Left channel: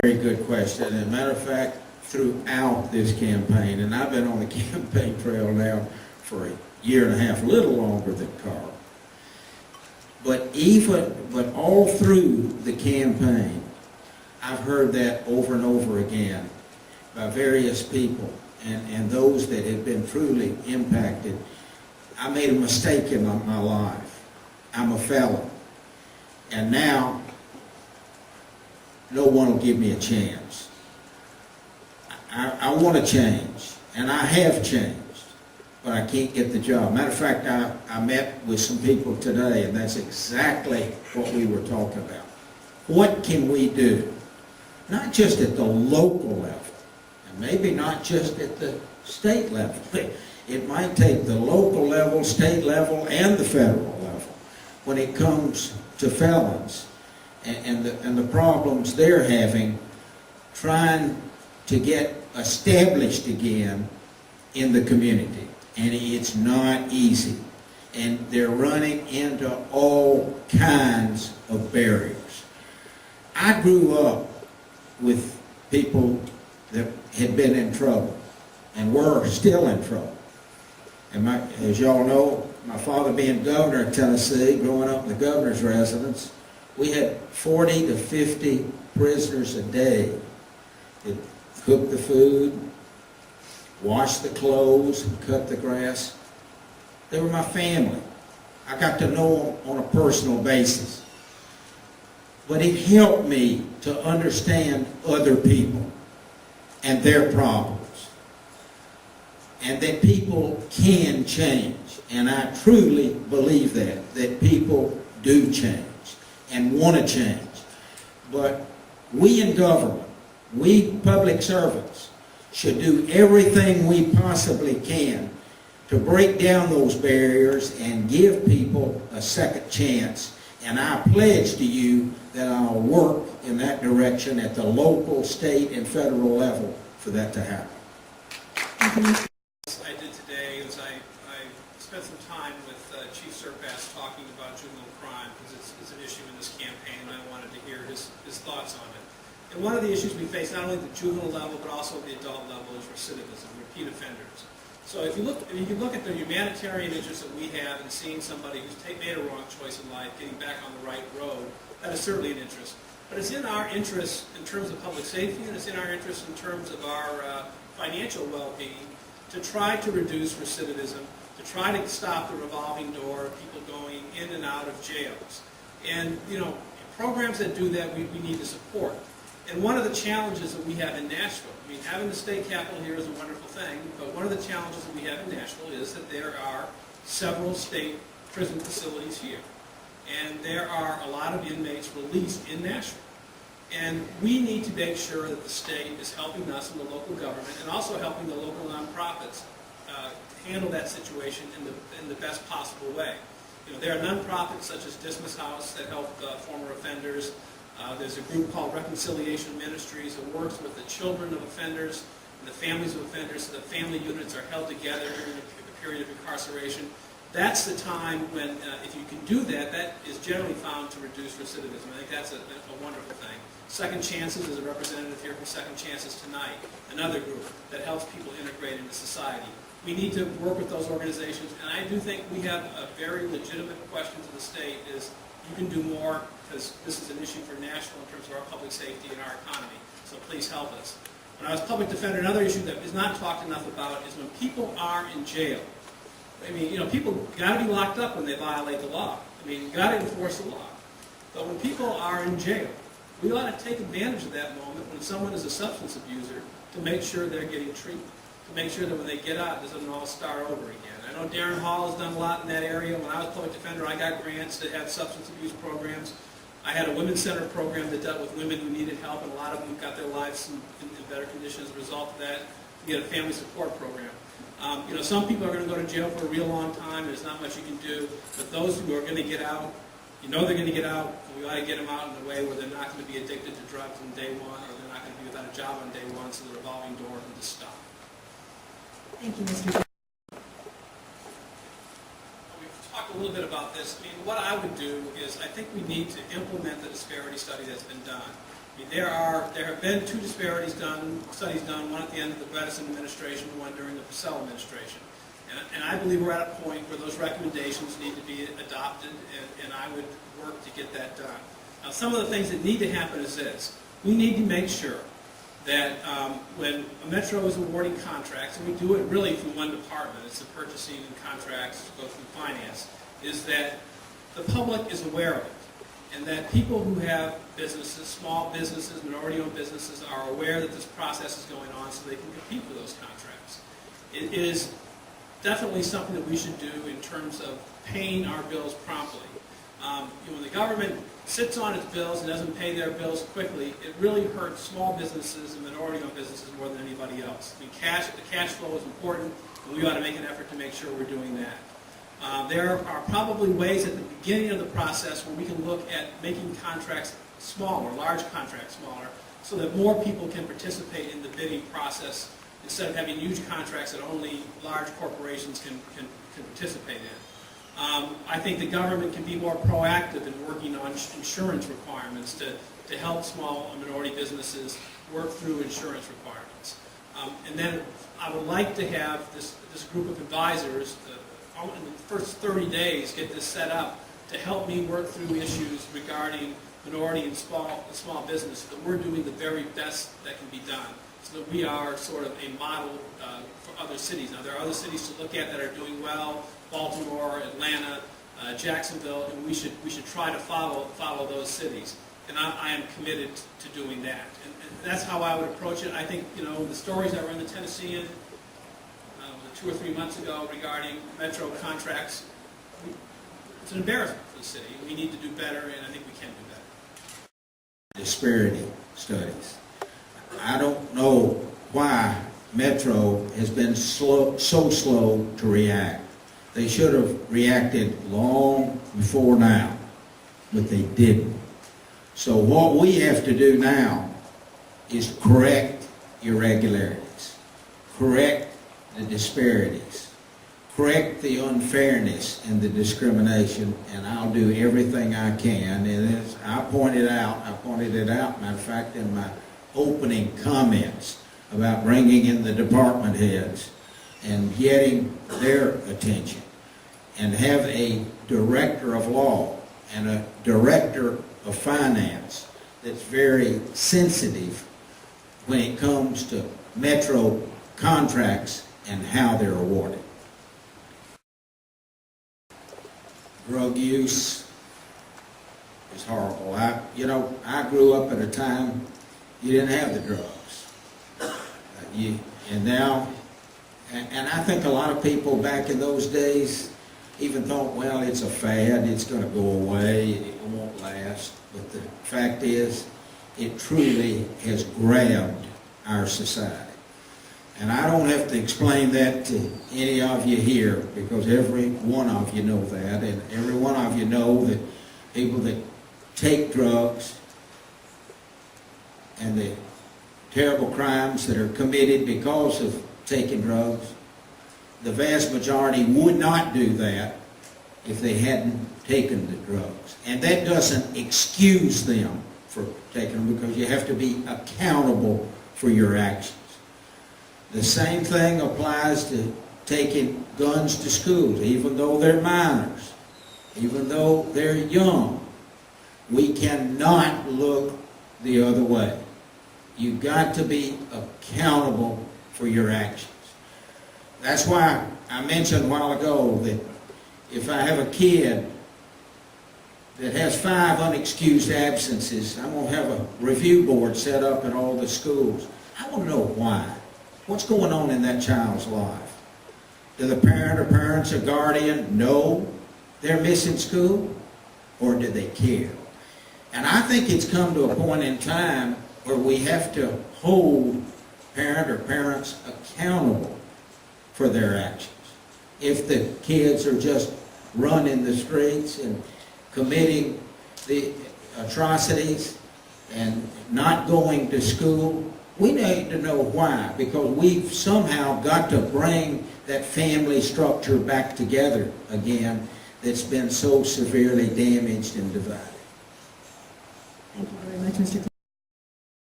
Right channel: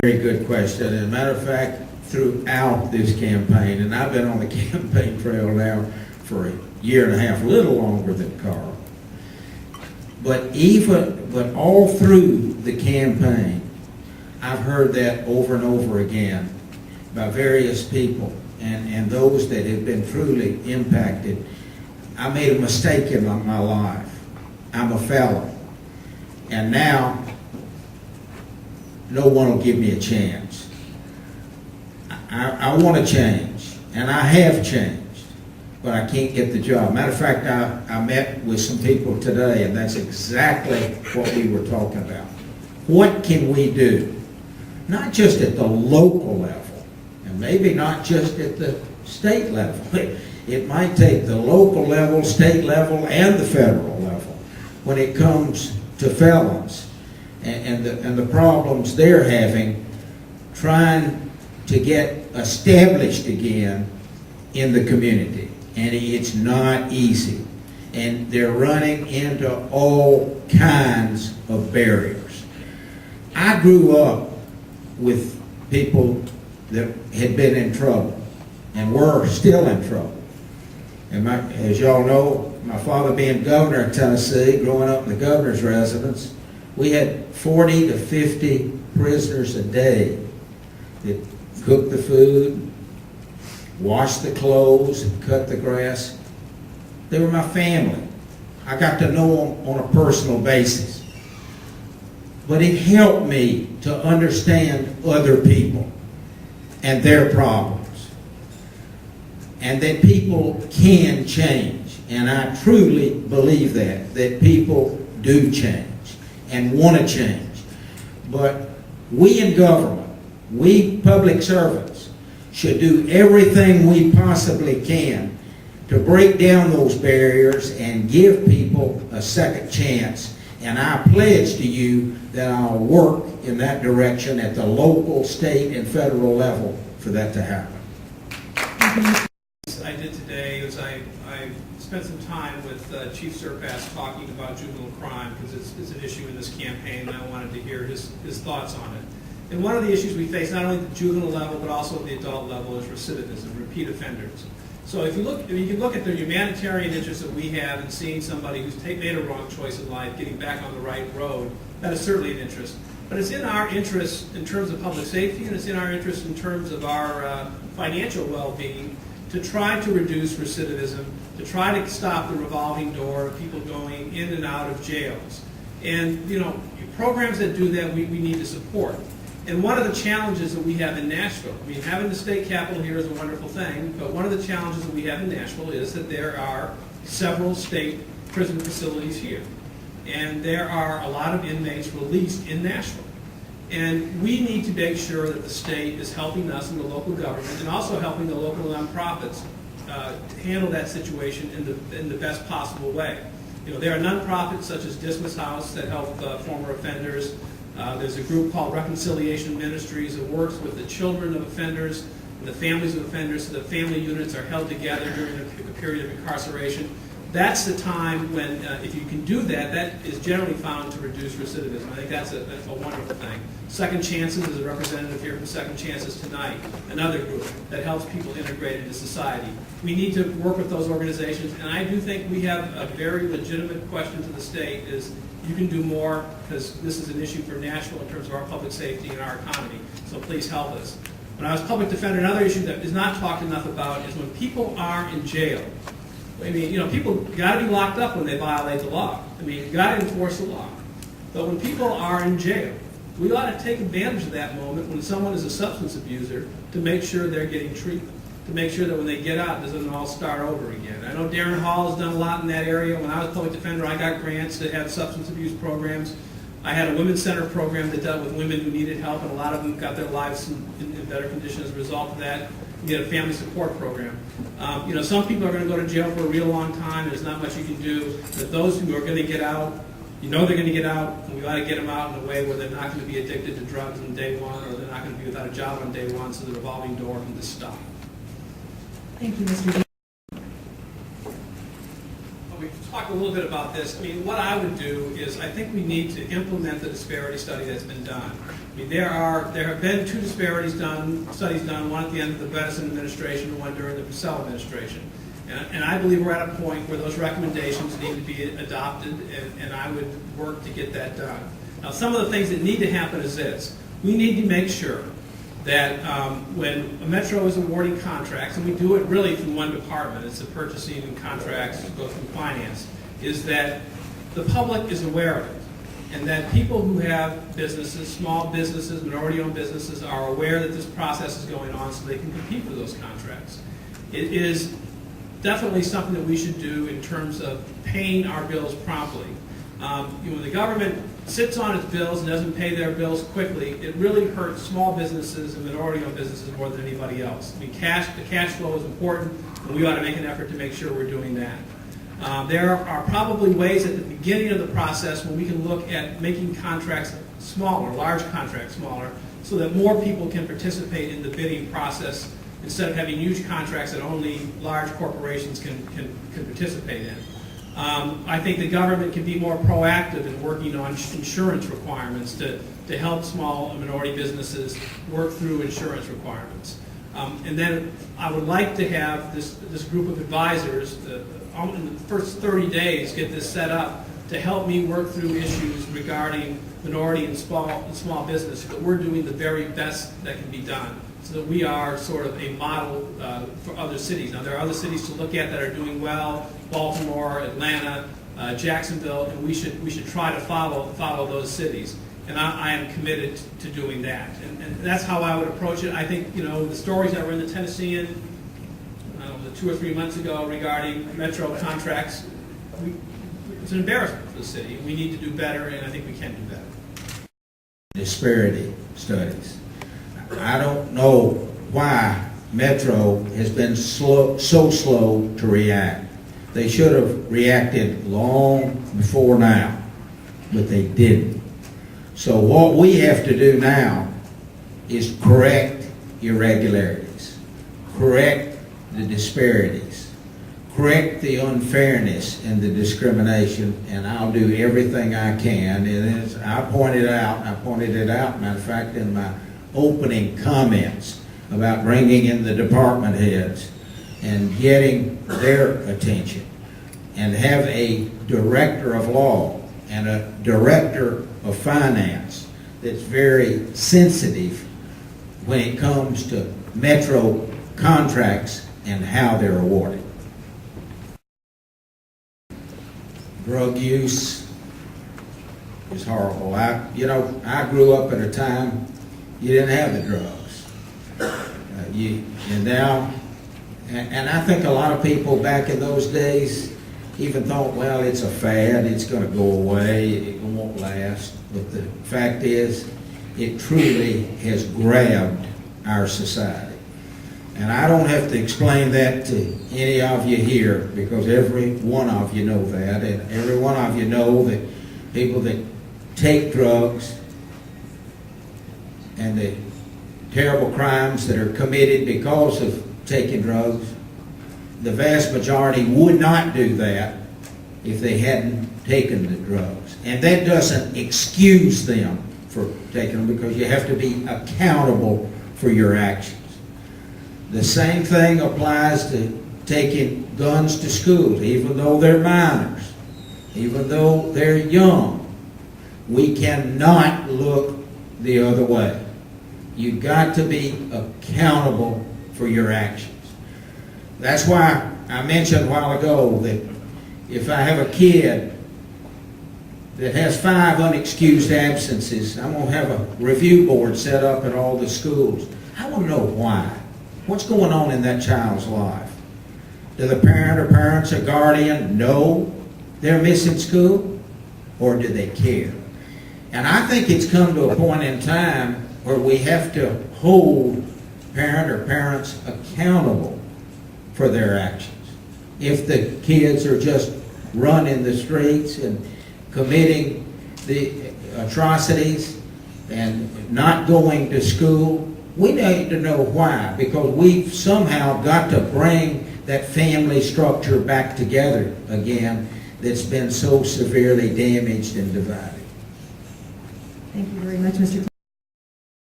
Very good question. As a matter of fact, throughout this campaign, and I've been on the campaign trail now for a year and a half, a little longer than Carl. But all through the campaign, I've heard that over and over again by various people and those that have been truly impacted. I made a mistake in my life. I'm a felon. And now, no one will give me a chance. I want to change, and I have changed, but I can't get the job. Matter of fact, I met with some people today, and that's exactly what we were talking about. What can we do? Not just at the local level, and maybe not just at the state level. It might take the local level, state level, and the federal level when it comes to felons and the problems they're having trying to get established again in the community. And it's not easy. And they're running into all kinds of barriers. I grew up with people that had been in trouble and were still in trouble. And as y'all know, my father being governor of Tennessee, growing up in the governor's residence, we had 40 to 50 prisoners a day that cooked the food, washed the clothes, and cut the grass. They were my family. I got to know them on a personal basis. But it helped me to understand other people and their problems. And that people can change. And I truly believe that people do change and want to change. But we in government, we public servants, should do everything we possibly can to break down those barriers and give people a second chance. And I pledge to you that I'll work in that direction at the local, state, and federal level for that to happen. I did today is I spent some time with Chief Surpass talking about juvenile crime because it's an issue in this campaign, and I wanted to hear his thoughts on it. And one of the issues we face, not only at the juvenile level but also at the adult level, is recidivism, repeat offenders. So if you look at the humanitarian interest that we have in seeing somebody who's made a wrong choice in life getting back on the right road, that is certainly an interest. But it's in our interest in terms of public safety, and it's in our interest in terms of our financial well-being to try to reduce recidivism, to try to stop the revolving door of people going in and out of jails. And, programs that do that we need to support. And one of the challenges that we have in Nashville, having the state capitol here is a wonderful thing, but one of the challenges that we have in Nashville is that there are several state prison facilities here. And there are a lot of inmates released in Nashville. And we need to make sure that the state is helping us in the local government and also helping the local nonprofits handle that situation in the best possible way. There are nonprofits such as Dismas House that help former offenders. There's a group called Reconciliation Ministries that works with the children of offenders and the families of offenders so that family units are held together during a period of incarceration. That's the time when, if you can do that, that is generally found to reduce recidivism. I think that's a wonderful thing. Second Chances is a representative here from Second Chances tonight, another group that helps people integrate into society. We need to work with those organizations, and I do think we have a very legitimate question to the state is you can do more because this is an issue for Nashville in terms of our public safety and our economy, so please help us. When I was public defender, another issue that is not talked enough about is when people are in jail. People got to be locked up when they violate the law. You got to enforce the law. But when people are in jail, we ought to take advantage of that moment when someone is a substance abuser to make sure they're getting treatment, to make sure that when they get out, it doesn't all start over again. I know Darren Hall has done a lot in that area. When I was public defender, I got grants that had substance abuse programs. I had a women's center program that dealt with women who needed help, and a lot of them got their lives in better condition as a result of that. We had a family support program. Some people are going to go to jail for a real long time, and there's not much you can do. But those who are going to get out, they're going to get out, and we ought to get them out in a way where they're not going to be addicted to drugs on day one, or they're not going to be without a job on day one, so the revolving door can just stop. Thank you, Mr. Dean. We've talked a little bit about this. What I would do is I think we need to implement the disparity study that's been done. I mean, there have been two studies done, one at the end of the Bredesen administration, and one during the Purcell administration. And I believe we're at a point where those recommendations need to be adopted, and I would work to get that done. Now, some of the things that need to happen is this. We need to make sure that when a Metro is awarding contracts, and we do it really from one department, it's the purchasing and contracts, go through finance, is that the public is aware of it. And that people who have businesses, small businesses, minority-owned businesses, are aware that this process is going on so they can compete with those contracts. It is definitely something that we should do in terms of paying our bills promptly. When the government sits on its bills and doesn't pay their bills quickly, it really hurts small businesses and minority-owned businesses more than anybody else. I mean, the cash flow is important, and we ought to make an effort to make sure we're doing that. There are probably ways at the beginning of the process where we can look at making contracts smaller, large contracts smaller, so that more people can participate in the bidding process instead of having huge contracts that only large corporations can participate in. I think the government can be more proactive in working on insurance requirements to help small and minority businesses work through insurance requirements. And then I would like to have this group of advisors in the first 30 days get this set up to help me work through issues regarding minority and small business, so that we're doing the very best that can be done, so that we are sort of a model for other cities. Now, there are other cities to look at that are doing well: Baltimore, Atlanta, Jacksonville, and we should try to follow those cities. And I am committed to doing that. And that's how I would approach it. I think, the stories that were in the Tennessean 2 or 3 months ago regarding Metro contracts, it's an embarrassment for the city. We need to do better, and I think we can do better. Disparity studies. I don't know why Metro has been so slow to react. They should have reacted long before now, but they didn't. So what we have to do now is correct irregularities, correct the disparities, correct the unfairness and the discrimination, and I'll do everything I can. And as I pointed it out, matter of fact, in my opening comments about bringing in the department heads and getting their attention, and have a director of law and a director of finance that's very sensitive when it comes to Metro contracts and how they're awarded. Drug use is horrible. I grew up at a time you didn't have the drugs. And I think a lot of people back in those days even thought, well, it's a fad, it's going to go away, it won't last. But the fact is, it truly has grabbed our society. And I don't have to explain that to any of you here, because every one of you know that, and every one of you know that people that take drugs and the terrible crimes that are committed because of taking drugs, the vast majority would not do that if they hadn't taken the drugs. And that doesn't excuse them for taking them, because you have to be accountable for your actions. The same thing applies to taking guns to schools, even though they're minors, even though they're young. We cannot look the other way. You've got to be accountable for your actions. That's why I mentioned a while ago that if I have a kid that has 5 unexcused absences, I'm going to have a review board set up at all the schools. I want to know why. What's going on in that child's life? Do the parent or parents or guardian know they're missing school? Or do they care? And I think it's come to a point in time where we have to hold parent or parents accountable for their actions. If the kids are just running the streets and committing the atrocities and not going to school, we need to know why, because we've somehow got to bring that family structure back together again that's been so severely damaged and divided. Thank you very much, Mr. Clark.